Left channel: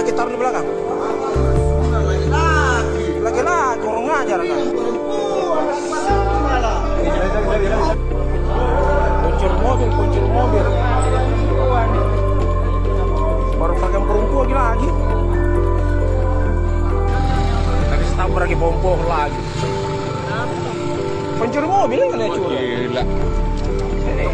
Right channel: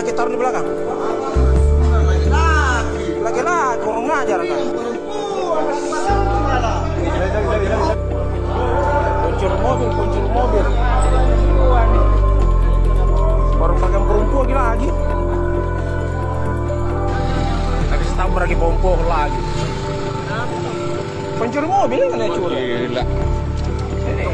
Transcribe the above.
kaki taruh di belakang. Laki-laki orang ngajar kan. Kuncur mobil. Baru pakai perempuan lagi. Lagi setabrak lagi pompo lagi. Pencuri mobil kan ya curi. Gila. Ini